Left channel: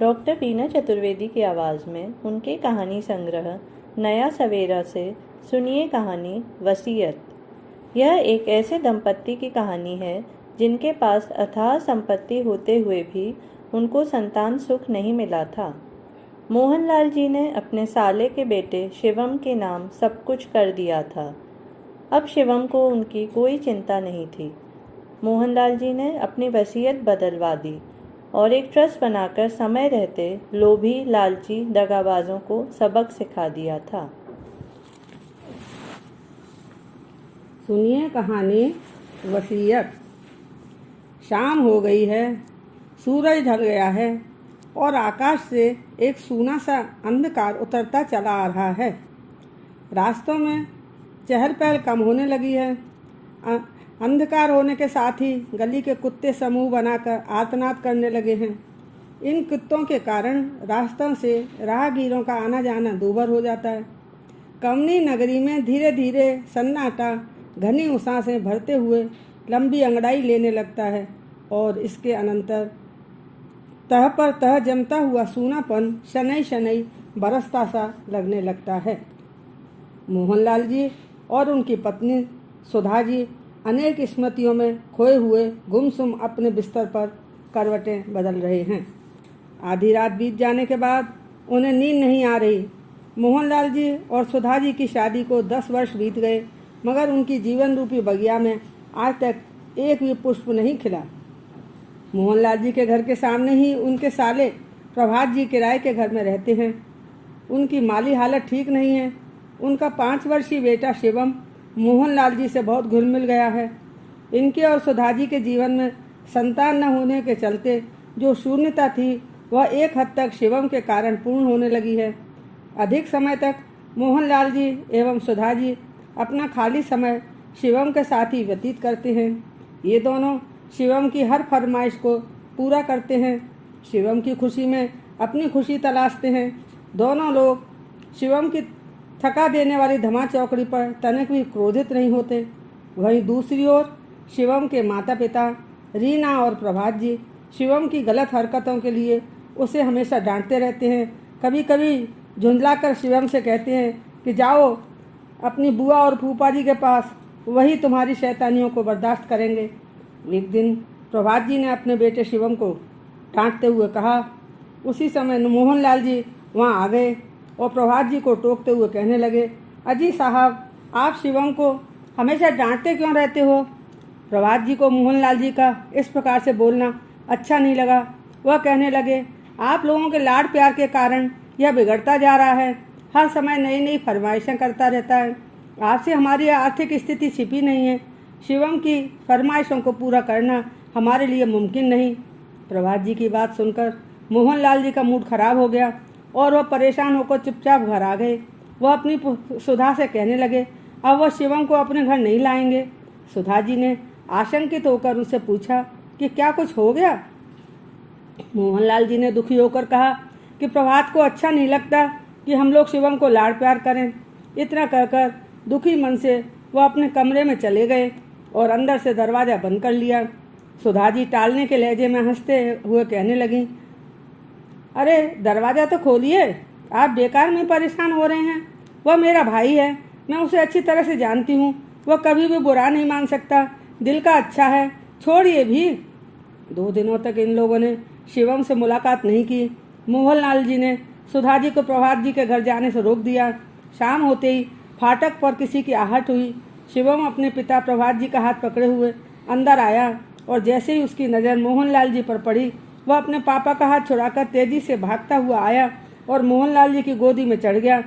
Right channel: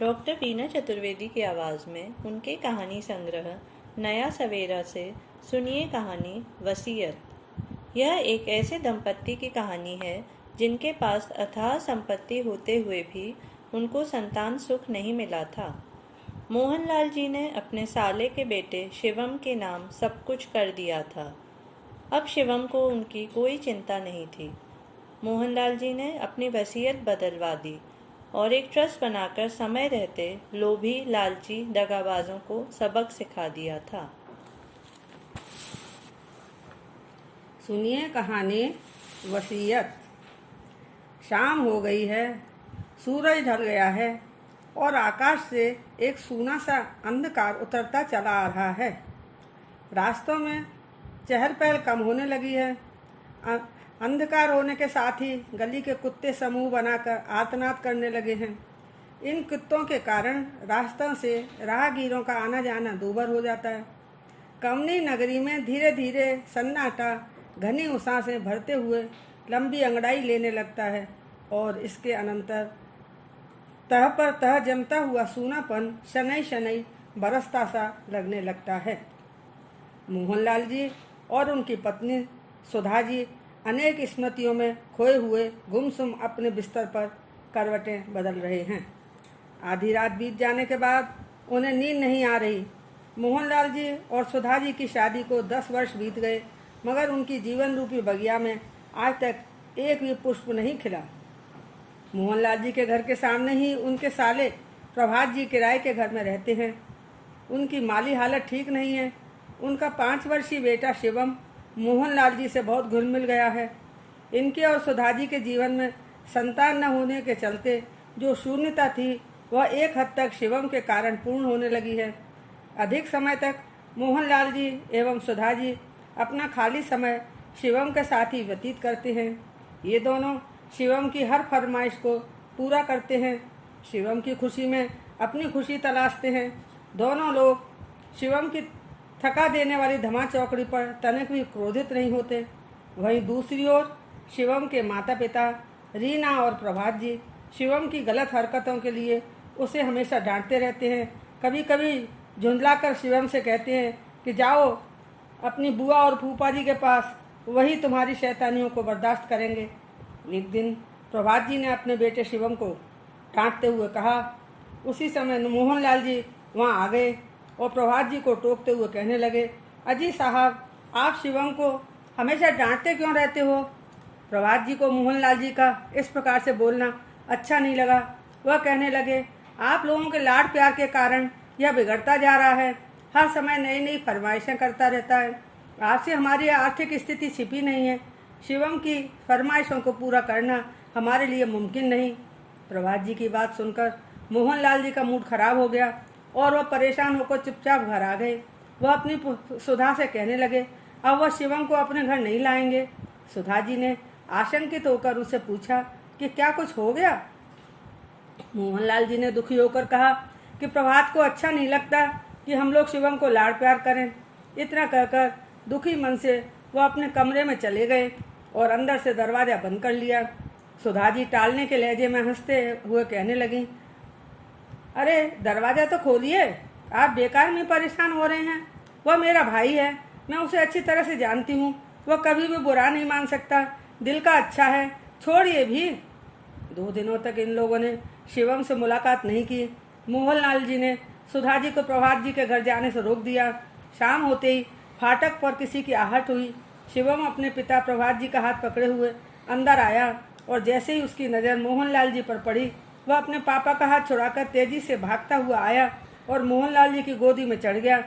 Doctor बीना चतुर्वेदी की आवाज़ में उनके कहानी संग्रह नया सवेरा से सुनिए कहानी वसीयत। यह एक ऐसे दंपत्ति की कहानी है जिनके पास अथाह संपत्ति होते हुए भी उनको संतान सुख नहीं मिला था। मोहनलाल जी ने अपने साले के बेटे शिवम के नाम सब कुछ कर दिया था। अब शिवम को उनकी कोई चिंता नहीं थी। मोहनलाल जी ने अपनी वसीयत बदलवा दी और एक ट्रस्ट बनाकर समय रहते लोभी लालची दगाबाजों को सबक सिखा दिया था। सुनिए कहानी वसीयत। शाम हो गई है, सूरज ढल गया है और आकाश से एक सूना सा अंधकार उतरता चला आ रहा है। रास्तों में चहल पहल कम होने लगी है। अंधकार होने के साथ ही गली के कुत्ते समूह बनाकर आर्तनाद करने लगे हैं। इन कुत्तों के कारण रास्तों से राहगीरों का आना जाना दूभर हो जाता है। कमनी नगरी में धीरे धीरे सन्नाटा घनी उषा से भरते हुए लंबी अंगड़ाई लेने लगता है और इसके अनंतर तह पर तह जमता हुआ सूनापन शनैः शनैः बरसता सा लगने लगता है। मोहनलाल जी और उनकी पत्नी सुधा जी अनेक स्मृतियों में खोए हुए गुमसुम अपने बिस्तर पर करवटें बदल रहे हैं। आधी रात बीत जाने के बाद उन्हें नींद नहीं आ रही। मोहनलाल जी और सुधा जी की शादी को 10 वर्ष बीत गए, मगर उनकी जीवन रूपी बगिया में आज तक एक भी पुष्प नहीं खिला। मोहनलाल जी के घर के सामने ही उनके साले प्रभात जी किराए के घर में रहते हैं। उनकी माली हालत ठीक नहीं है। उनका 5 वर्षीय बेटा शिवम मोहनलाल जी से बहुत घुल मिल गया है। इनके और सुधा जी के जीवन में संतान न होने के चलते जो शून्यता थी वह एक हद तक शिवम के कारण पूर्ण होने लगी है। अधिक समय तक मोहनलाल जी एवं सुधा जी अपना खाली समय शिवम के साथ ही व्यतीत करते हैं। ये दोनों शिवम की हर फरमाइश को पूरा करते हैं। शिवम की खुशी में अपनी खुशी तलाशते हैं। दोनों लोग शिवम की थका देने वाली धमा चौकड़ी पर तनिक भी क्रोधित नहीं होते। वहीं दूसरी ओर शिवम के माता पिता रीना और प्रभात जी शिवम की गलत हरकतों के लिए उसे हमेशा डांटते रहते हैं। कभी कभी झुंझलाकर शिवम से कहते हैं कि जाओ अपनी बुआ और फूफा जी के पास, वही तुम्हारी शैतानियों को बर्दाश्त करेंगे। एक दिन प्रभात जी ने अपने बेटे शिवम को डांटते हुए कहा। उसी समय मोहनलाल जी वहाँ आ गए और प्रभात जी को टोकते हुए कहने लगे, अजी साहब, आप शिवम को हमेशा डांटते क्यों रहते हो? प्रभात जी को मोहनलाल जी का इस प्रकार से बोलना अच्छा नहीं लगा। वह कहने लगे, आप लोगों के लाड प्यार के कारण यह बिगड़ता जा रहा है। हर समय नई नई फरमाइशें करता रहता है। आपसे हमारी आर्थिक स्थिति छिपी नहीं है। शिवम की फरमाइशों को पूरा करना हमारे लिए मुमकिन नहीं। प्रभात जी की बात सुनकर मोहनलाल जी का मूड खराब हो गया और वह परेशान होकर चुपचाप घर आ गए। वह अपनी सुधा से कहने लगे, अब वह शिवम को अपने घर नहीं लाएंगे। सुधा जी ने आशंकित होकर उससे पूछा कि क्या कुछ हो गया? मोहनलाल जी ने दुखी होकर कहा कि प्रभात को अच्छा नहीं लगता कि हम लोग शिवम को लाड़ प्यार करें। इतना कहकर दुखी मन से वह अपने कमरे में चले गए और अंदर से दरवाज़ा बंद कर लिया। सुधा जी टालने के लहजे में हंसते हुए कहने लगी, अरे दरवाज़ा तो खोलिए, आप बेकार में परेशान हो रहे हैं। वह मेरा भाई है, मैं उसे अच्छी तरह से जानती हूँ। वह कभी भी बुरा नहीं मान सकता, दिल का अच्छा है, छोड़िए भी। 2 दिनों तक इन लोगों ने शिवम से मुलाकात नहीं की। मोहनलाल जी ने सुधा जी को प्रभात जी के घर जाने से रोक दिया। शाम होते ही फाटक पर किसी की आहट हुई। शिवम अपने पिता प्रभात जी का हाथ पकड़े हुए अंदर आया और जैसे ही उसकी नज़र मोहनलाल जी पर पड़ी, वह अपने पापा का हाथ छुड़ाकर तेजी से भागता हुआ आया और मोहनलाल जी की गोदी में चढ़ गया।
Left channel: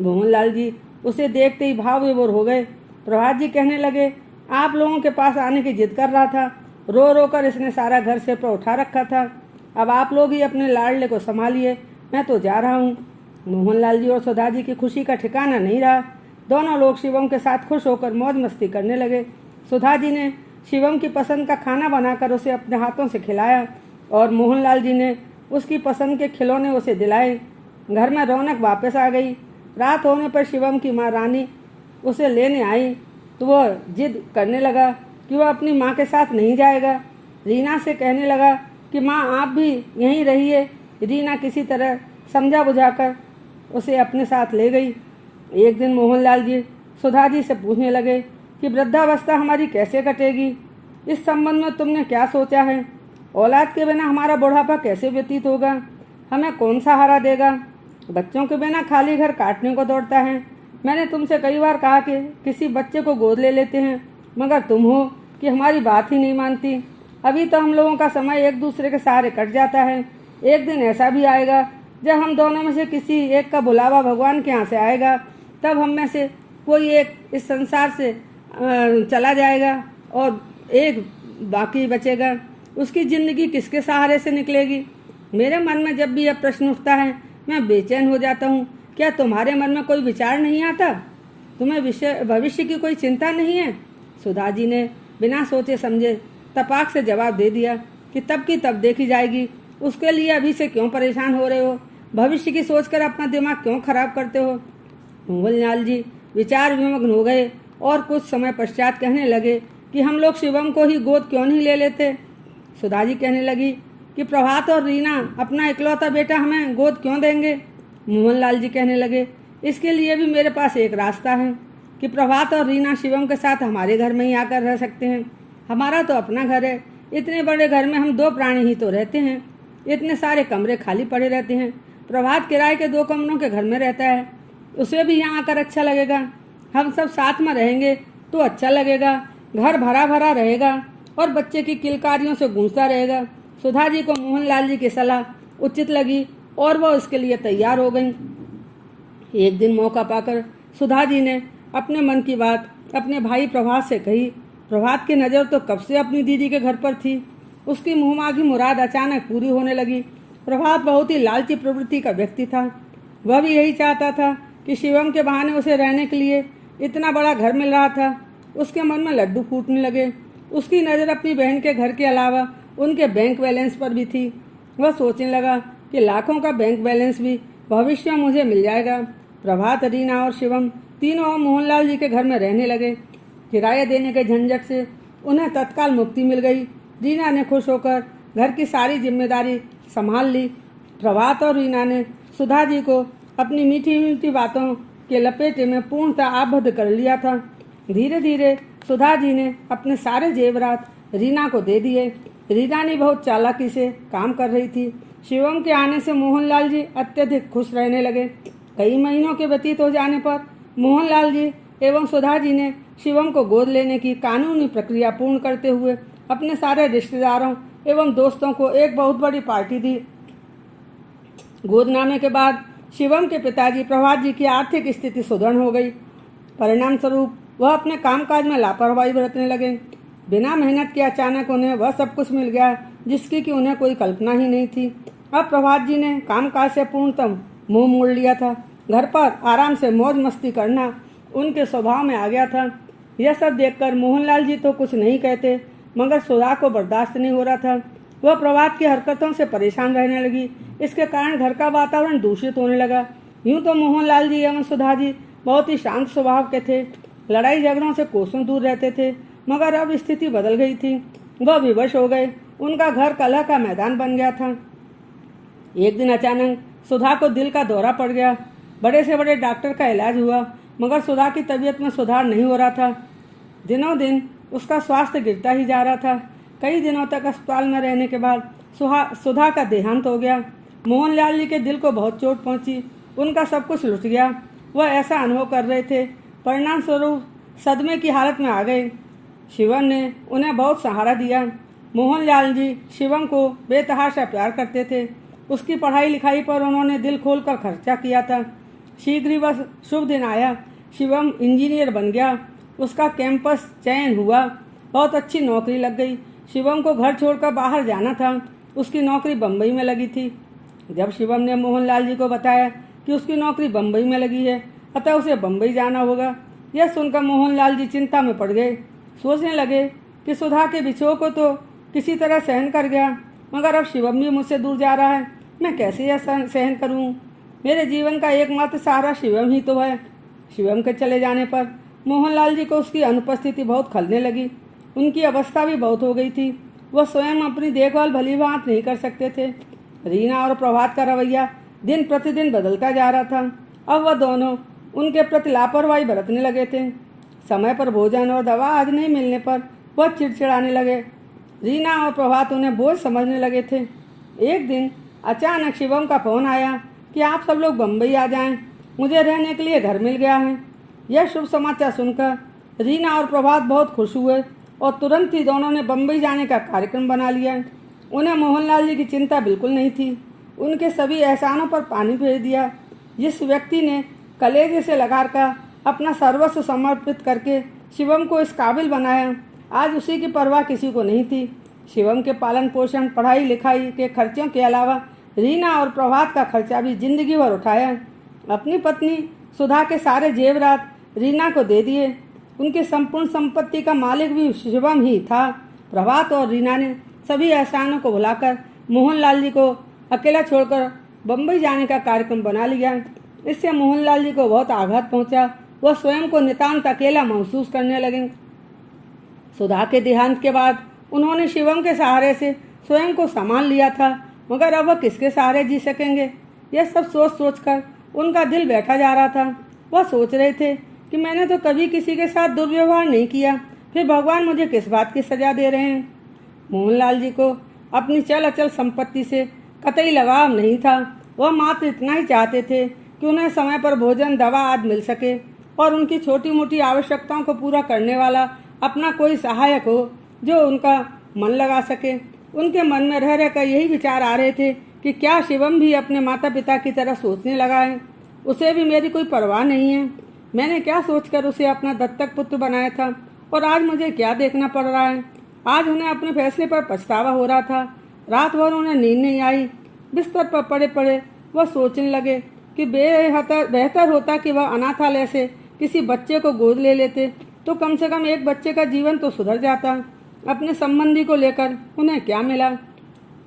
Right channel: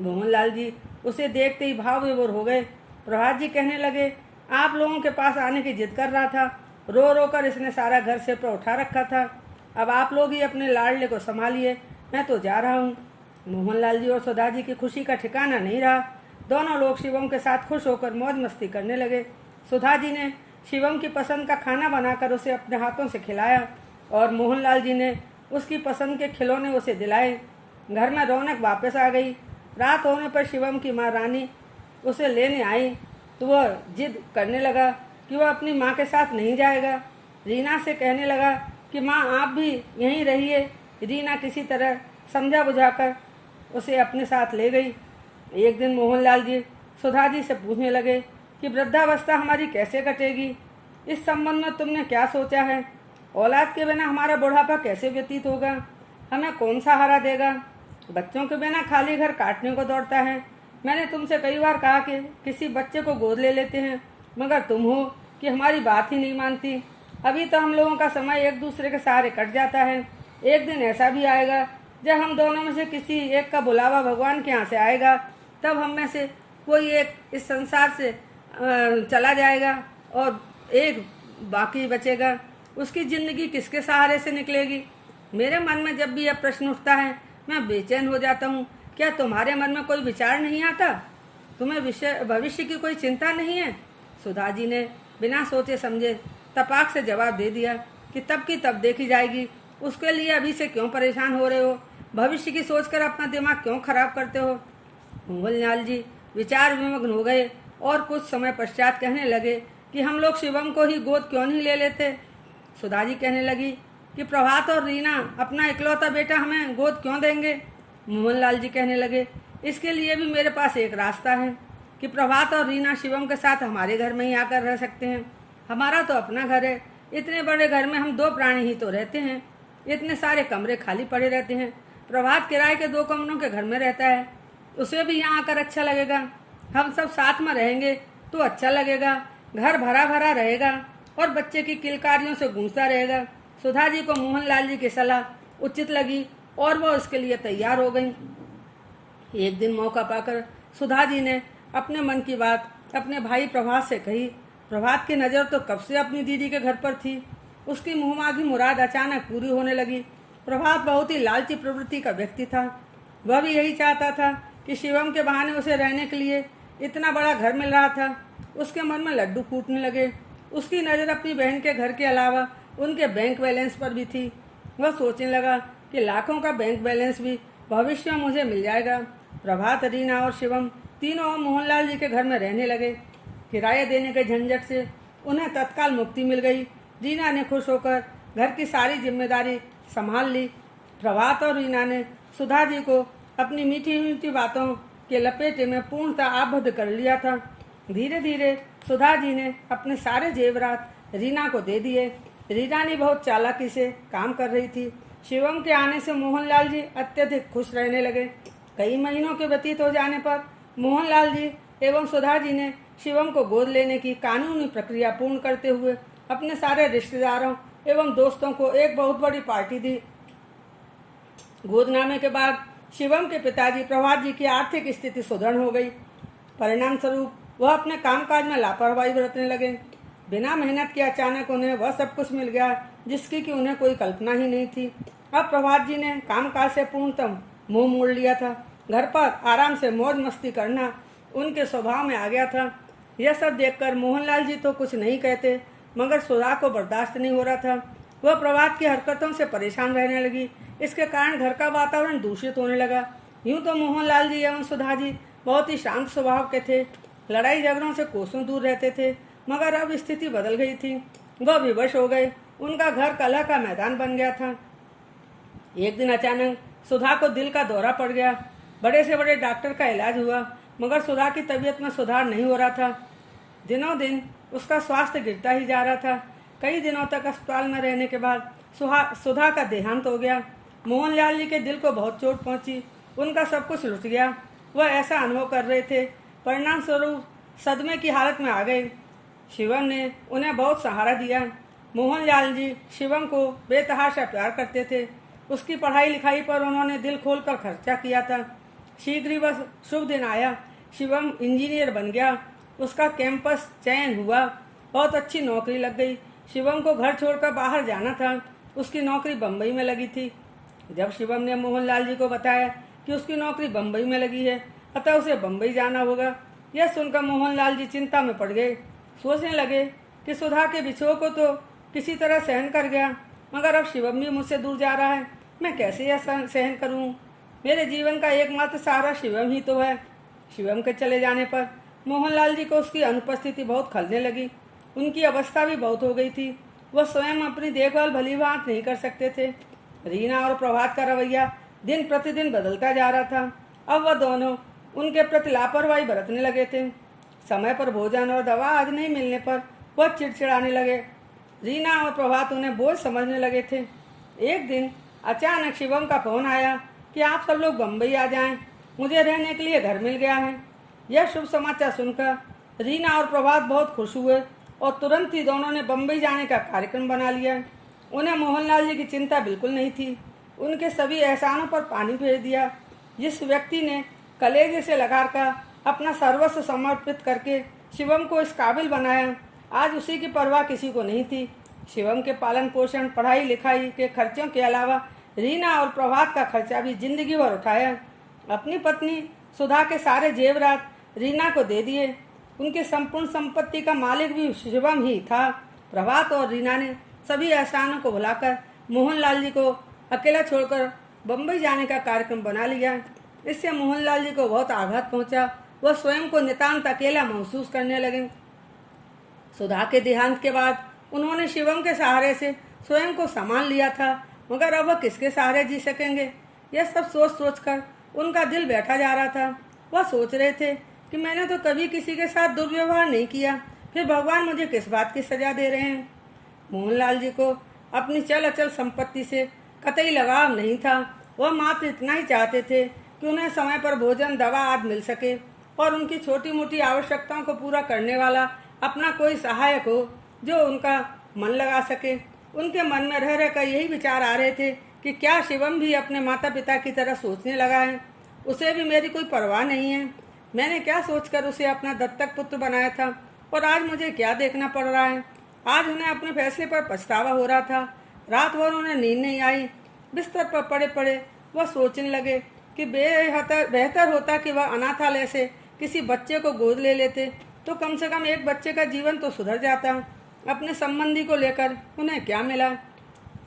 मोहनलाल जी उसे देखते ही भाव विभोर हो गए। प्रभात जी कहने लगे, आप लोगों के पास आने की जिद कर रहा था। रो रो कर इसने सारा घर से पर उठा रखा था। अब आप लोग ही अपने लाडले को संभालिए, मैं तो जा रहा हूँ। मोहनलाल जी और सुधा जी की खुशी का ठिकाना नहीं रहा। दोनों लोग शिवम के साथ खुश होकर मौज मस्ती करने लगे। सुधा जी ने शिवम की पसंद का खाना बनाकर उसे अपने हाथों से खिलाया और मोहनलाल जी ने उसकी पसंद के खिलौने उसे दिलाए। घर में रौनक वापस आ गई। रात होने पर शिवम की माँ रानी उसे लेने आई तो वह जिद करने लगा कि वह अपनी माँ के साथ नहीं जाएगा। रीना से कहने लगा कि माँ आप भी यहीं रहिए, रीना किसी तरह समझा बुझाकर उसे अपने साथ ले गई। एक दिन मोहनलाल जी सुधा जी से पूछने लगे कि वृद्धावस्था हमारी कैसे कटेगी, इस संबंध में तुमने क्या सोचा है? औलाद के बिना हमारा बुढ़ापा कैसे व्यतीत होगा? हमें कौन सहारा देगा? बच्चों के बिना खाली घर काटने को दौड़ता है। मैंने तुमसे कई बार कहा कि किसी बच्चे को गोद ले लेते हैं, मगर तुम हो कि हमारी बात ही नहीं मानती। अभी तो हम लोगों का समय एक दूसरे के सहारे कट जाता है। एक दिन ऐसा भी आएगा जब हम दोनों में से किसी एक का बुलावा भगवान के यहाँ से आएगा, तब हम में से कोई एक इस संसार से चला जाएगा और एक बाकी बचेगा। उसकी जिंदगी किसके सहारे से निकलेगी? मेरे मन में जब भी यह प्रश्न उठता है मैं बेचैन हो जाता हूँ। क्या तुम्हारे मन में कोई विचार नहीं आता? तुम्हें भविष्य की कोई चिंता नहीं है? सुधा जी ने बिना सोचे समझे तपाक से जवाब दे दिया कि तब की तब देखी जाएगी। उसके लिए अभी से क्यों परेशान हो रहे हो? भविष्य की सोचकर अपना दिमाग क्यों खराब करते हो? मोहनलाल जी विचार विमग्न हो गए और कुछ समय पश्चात कहने लगे कि हम लोग शिवम को ही गोद क्यों नहीं ले लेते? सुधा जी कहने लगी कि प्रभात और रीना अपना इकलौता बेटा हमें गोद क्यों देंगे? मोहनलाल जी कहने लगे इसके लिए भी मेरे पास एक रास्ता है कि प्रभात और रीना शिवम के साथ हमारे घर में ही आकर रह सकते हैं। हमारा तो अपना घर है। इतने बड़े घर में हम 2 प्राणी ही तो रहते हैं। इतने सारे कमरे खाली पड़े रहते हैं। प्रभात किराए के 2 कमरों के घर में रहता है, उसे भी यहाँ आकर अच्छा लगेगा। हम सब साथ में रहेंगे तो अच्छा लगेगा। घर भरा भरा रहेगा और बच्चे की किलकारियों से गूंजता रहेगा। सुधा जी को मोहनलाल जी की सलाह उचित लगी और वह इसके लिए तैयार हो गई। एक दिन मौका पाकर सुधा जी ने अपने मन की बात अपने भाई प्रभात से कही। प्रभात की नज़र तो कब से अपनी दीदी के घर पर थी। उसकी मुँहमांगी मुराद अचानक पूरी होने लगी। प्रभात बहुत ही लालची प्रवृत्ति का व्यक्ति था। वह भी यही चाहता था कि शिवम के बहाने उसे रहने के लिए इतना बड़ा घर मिल रहा था। उसके मन में लड्डू फूटने लगे। उसकी नज़र अपनी बहन के घर के अलावा उनके बैंक बैलेंस पर भी थी। वह सोचने लगा कि लाखों का बैंक बैलेंस भी भविष्य में मुझे मिल जाएगा। प्रभात, रीना और शिवम तीनों मोहनलाल जी के घर में रहने लगे। किराया देने के झंझट से उन्हें तत्काल मुक्ति मिल गई। रीना ने खुश होकर घर की सारी जिम्मेदारी संभाल ली। प्रभात और रीना ने सुधा जी को अपनी मीठी मीठी बातों के लपेटे में पूर्णतः आबद्ध कर लिया था। धीरे धीरे सुधा जी ने अपने सारे जेवरात रीना को दे दिए। रीना ने बहुत चालाकी से काम कर रही थी। शिवम के आने से मोहनलाल जी अत्यधिक खुश रहने लगे। कई महीनों के व्यतीत हो जाने पर मोहनलाल जी एवं सुधा जी ने शिवम को गोद लेने की कानूनी प्रक्रिया पूर्ण करते हुए अपने सारे रिश्तेदारों एवं दोस्तों को एक बहुत बड़ी पार्टी दी। गोदनामे के बाद शिवम के पिताजी प्रभात जी की आर्थिक स्थिति सुदृढ़ हो गई। परिणाम स्वरूप वह अपने कामकाज में लापरवाही बरतने लगे। बिना मेहनत के अचानक उन्हें वह सब कुछ मिल गया जिसकी कि उन्हें कोई कल्पना ही नहीं थी। अब प्रभात जी ने कामकाज से पूर्णतः मुंह मोड़ लिया था। घर पर आराम से मौज मस्ती करना उनके स्वभाव में आ गया था। यह सब देखकर मोहनलाल जी तो कुछ नहीं कहते, मगर सुधा को बर्दाश्त नहीं हो रहा था। वह प्रभात की हरकतों से परेशान रहने लगी। इसके कारण घर का वातावरण दूषित होने लगा। यूं तो मोहनलाल जी एवं सुधा जी बहुत ही शांत स्वभाव के थे। लड़ाई झगड़ों से कोसों दूर रहते थे, मगर अब स्थिति बदल गई थी। वह विवश हो गए। उनका घर कलह का मैदान बन गया था। एक दिन अचानक सुधा को दिल का दौरा पड़ गया। बड़े से बड़े डॉक्टर का इलाज हुआ, मगर सुधा की तबीयत में सुधार नहीं हो रहा था। दिनों दिन उसका स्वास्थ्य गिरता ही जा रहा था। कई दिनों तक अस्पताल में रहने के बाद सुधा का देहांत हो गया। मोहनलाल जी के दिल को बहुत चोट पहुंची। उनका सब कुछ लुट गया। वह ऐसा अनुभव कर रहे थे। परिणाम स्वरूप सदमे की हालत में आ गए। शिवम ने उन्हें बहुत सहारा दिया। मोहनलाल जी शिवम को बेतहाशा प्यार करते थे। उसकी पढ़ाई लिखाई पर उन्होंने दिल खोलकर खर्चा किया था। शीघ्र ही वह शुभ दिन आया। शिवम इंजीनियर बन गया। उसका कैंपस चयन हुआ। बहुत अच्छी नौकरी लग गई। शिवम को घर छोड़कर बाहर जाना था। उसकी नौकरी बम्बई में लगी थी। जब शिवम ने मोहनलाल जी को बताया कि उसकी नौकरी बम्बई में लगी है, अतः उसे बम्बई जाना होगा, यह सुनकर मोहनलाल जी चिंता में पड़ गए। सोचने लगे कि सुधा के बिछोह को तो किसी तरह सहन कर गया, मगर अब शिवम भी मुझसे दूर जा रहा है। मैं कैसे यह सहन करूं? मेरे जीवन का एकमात्र सहारा शिवम ही तो है। शिवम के चले जाने पर मोहनलाल जी को उसकी अनुपस्थिति बहुत खलने लगी। उनकी अवस्था भी बहुत हो गई थी। वह स्वयं अपनी देखभाल भली भांति नहीं कर सकते थे। रीना और प्रभात का रवैया दिन प्रतिदिन बदलता जा रहा था। अब वह दोनों उनके प्रति लापरवाही बरतने लगे थे। समय पर भोजन और दवा आदि नहीं मिलने पर वह चिड़चिड़ाने लगे। रीना और प्रभात उन्हें बोझ समझने लगे थे। एक दिन अचानक शिवम का फोन आया कि आप सब लोग बम्बई आ जाएं, मुझे रहने के लिए घर मिल गया है। यह शुभ समाचार सुनकर रीना और प्रभात बहुत खुश हुए और तुरंत ही दोनों ने बम्बई जाने का कार्यक्रम बना लिया। उन्हें मोहनलाल जी की चिंता बिल्कुल नहीं थी। उनके सभी एहसानों पर पानी फेर दिया। जिस व्यक्ति ने कलेजे से लगाकर अपना सर्वस्व समर्पित करके शिवम को इस काबिल बनाया, आज उसी की परवाह किसी को नहीं थी। शिवम के पालन पोषण, पढ़ाई लिखाई के खर्चों के अलावा रीना और प्रभात का खर्चा भी जिंदगी भर उठाया। अपनी पत्नी सुधा के सारे जेवरात रीना को दे दिए। उनकी संपूर्ण संपत्ति का मालिक भी शिवम ही था। प्रभात और रीना ने सभी एहसानों को भुलाकर मोहनलाल जी को अकेला छोड़कर बम्बई जाने का कार्यक्रम बना लिया। इससे मोहनलाल जी को बहुत आघात पहुंचा। वह स्वयं को नितांत अकेला महसूस करने लगे। सुधा के देहांत के बाद उन्होंने शिवम के सहारे से स्वयं को संभाल लिया था, मगर अब वह किसके सहारे जी सकेंगे? यह सब सोच सोचकर उनका दिल बैठा जा रहा था। वह सोच रहे थे कि मैंने तो कभी किसी के साथ दुर्व्यवहार नहीं किया, फिर भगवान मुझे किस बात की सजा दे रहे हैं? मोहनलाल जी को अपनी चल अचल संपत्ति से कतई लगाव नहीं था। वह मात्र इतना ही चाहते थे कि उन्हें समय पर भोजन, दवा आदि मिल सके और उनकी छोटी मोटी आवश्यकताओं को पूरा करने वाला अपना कोई सहायक हो जो उनका मन लगा सके। उनके मन में रह रहकर यही विचार आ रहे थे कि क्या शिवम भी अपने माता पिता की तरह सोचने लगा है? उसे भी मेरी कोई परवाह नहीं है। मैंने क्या सोचकर उसे अपना दत्तक पुत्र बनाया था और आज मुझे क्या देखना पड़ रहा है? आज उन्हें अपने फैसले पर पछतावा हो रहा था। रात भर उन्हें नींद नहीं आई। बिस्तर पर पड़े पड़े वह सोचने लगे कि बेहतर होता कि वह अनाथालय से किसी बच्चे को गोद ले लेते तो कम से कम एक बच्चे का जीवन तो सुधर जाता। अपने संबंधी को लेकर उन्हें क्या मिला?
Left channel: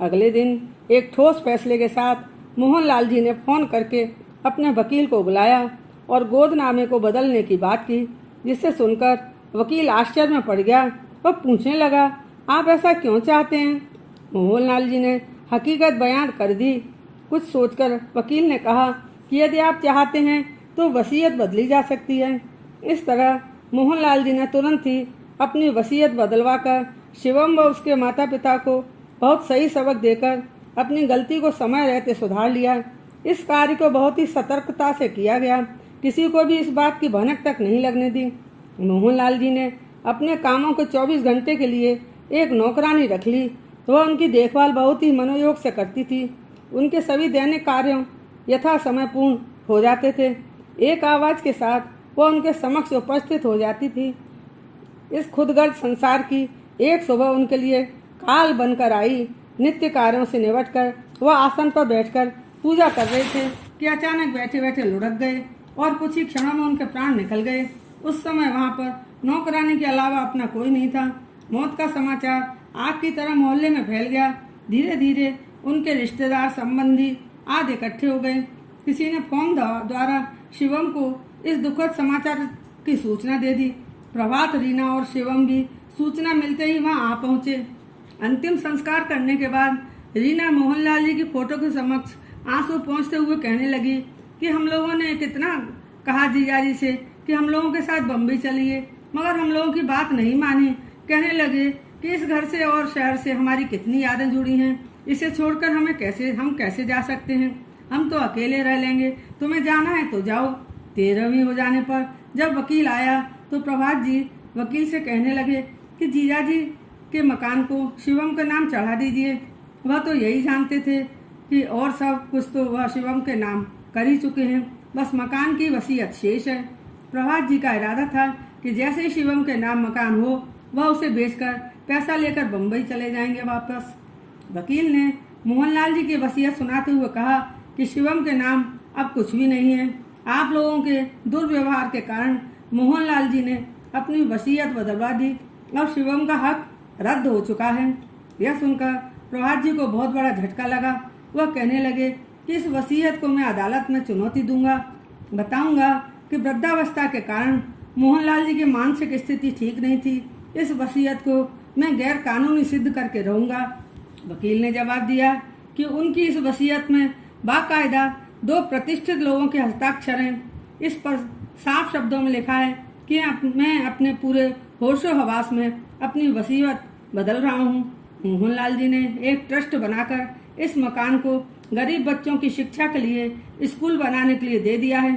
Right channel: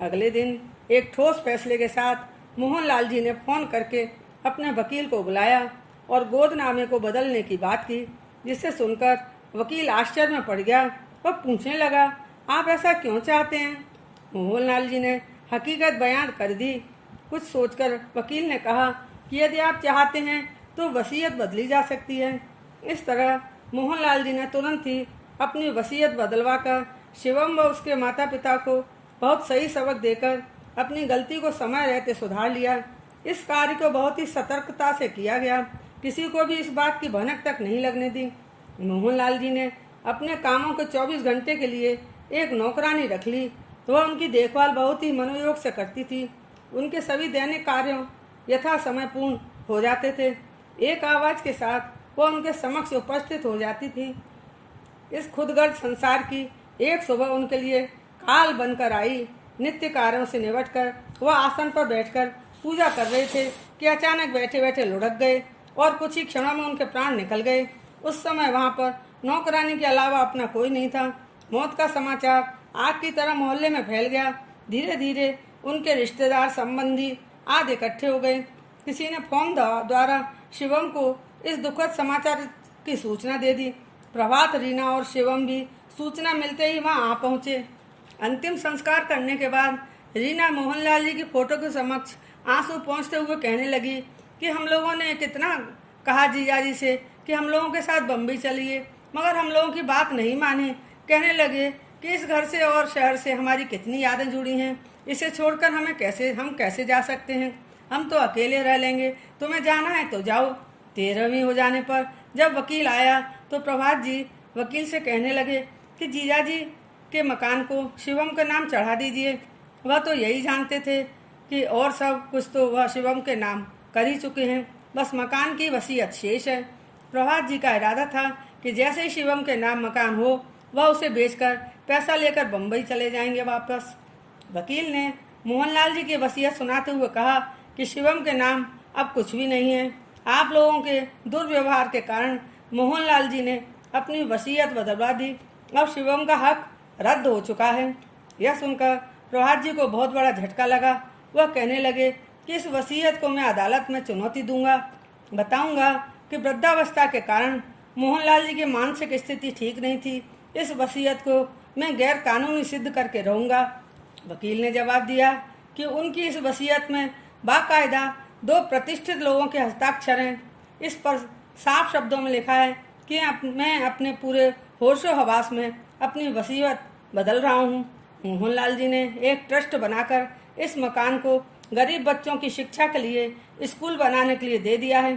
अगले दिन एक ठोस फैसले के साथ मोहनलाल जी ने फोन करके अपने वकील को बुलाया और गोदनामे को बदलने की बात की, जिसे सुनकर वकील आश्चर्य में पड़ गया। वह पूछने लगा, आप ऐसा क्यों चाहते हैं? मोहनलाल जी ने हकीकत बयान कर दी। कुछ सोचकर वकील ने कहा कि यदि आप चाहते हैं तो वसीयत बदली जा सकती है। इस तरह मोहनलाल जी ने तुरंत ही अपनी वसीयत बदलवाकर शिवम व उसके माता पिता को बहुत सही सबक देकर अपनी गलती को समय रहते सुधार लिया। इस कार्य को बहुत ही सतर्कता से किया गया। किसी को भी इस बात की भनक तक नहीं लगने दी। मोहनलाल जी ने अपने कामों के 24 घंटे के लिए एक नौकरानी रख ली। वह उनकी देखभाल बहुत ही मनोयोग से करती थी। उनके सभी दैनिक कार्यों यथा समय पूर्ण हो जाते थे। एक आवाज के साथ वह उनके समक्ष उपस्थित हो जाती थी। इस खुदगर्द संसार की एक सुबह उनके लिए काल बनकर आई। नित्य कार्यों से निपटकर वह आसन पर बैठकर पूजा कर रहे थे कि अचानक बैठे बैठे लुढ़क गए और कुछ ही क्षणों में उनके प्राण निकल गए। उस समय वहां पर नौकरानी के अलावा अपना कोई नहीं था। मौत का समाचार आग की तरह मोहल्ले में फैल गया। धीरे धीरे उनके रिश्तेदार, संबंधी आदि इकट्ठे हो गए। किसी ने फोन द्वारा शिवम को इस दुखद समाचार की सूचना दे दी। प्रभात, रीना और शिवम भी सूचना मिलते ही वहां आ पहुंचे। अंतिम संस्कार करने के बाद रीना मोहनलाल जी की फोटो के समक्ष आंसू पोंछते हुए कहने लगी कि हम लोगों ने कितना कहा जीजाजी से कि हम लोगों के साथ बम्बई चलिए, मगर हम लोगों की बात नहीं मानी। कहने लगे कि इस घर से और शहर से हमारी कितनी यादें जुड़ी हैं, इसे छोड़कर हम कैसे जा सकते हैं? हम तो अकेले रह लेंगे। तुम्हें जाना है तो जाओ। 13वीं हो जाने पर जब वकील आया तो प्रभात जी वकील से कहने लगे कि जीजाजी के मकान को शिवम का नाम चढ़ा दीजिए। वह तो यही जानते थे कि और सब कुछ तो वह शिवम के नाम कर ही चुके हैं, बस मकान की वसीयत शेष है। प्रभात जी का इरादा था कि जैसे ही शिवम के नाम मकान हो वह उसे बेचकर पैसा लेकर बम्बई चले जाएंगे वापस। वकील ने मोहनलाल जी की वसीयत सुनाते हुए कहा कि शिवम के नाम अब कुछ भी नहीं है। आप लोगों के दुर्व्यवहार के कारण मोहनलाल जी ने अपनी वसीयत बदलवा दी। अब शिवम का हक रद्द हो चुका है। यह सुनकर प्रभात जी को बहुत बड़ा झटका लगा। वह कहने लगे कि इस वसीयत को मैं अदालत में चुनौती दूंगा। बताऊंगा कि वृद्धावस्था के कारण मोहनलाल जी की मानसिक स्थिति ठीक नहीं थी। इस वसीयत को मैं गैर कानूनी सिद्ध करके रहूंगा। वकील ने जवाब दिया कि उनकी इस वसीयत में बाकायदा 2 प्रतिष्ठित लोगों के हस्ताक्षर हैं। इस पर साफ शब्दों में लिखा है कि मैं अपने पूरे होशो हवास में अपनी वसीयत बदल रहा हूँ। मोहनलाल जी ने एक ट्रस्ट बनाकर इस मकान को गरीब बच्चों की शिक्षा के लिए स्कूल बनाने के लिए दे दिया है।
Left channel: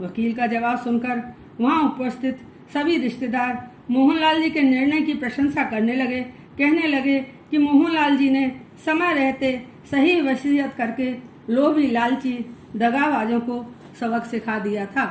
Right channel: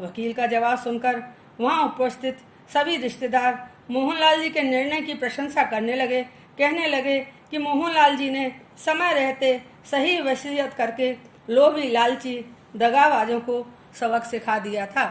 वकील का जवाब सुनकर वहाँ उपस्थित सभी रिश्तेदार मोहनलाल जी के निर्णय की प्रशंसा करने लगे। कहने लगे कि मोहनलाल जी ने समय रहते सही वसीयत करके लोभी, लालची, दगाबाजों को सबक सिखा दिया था।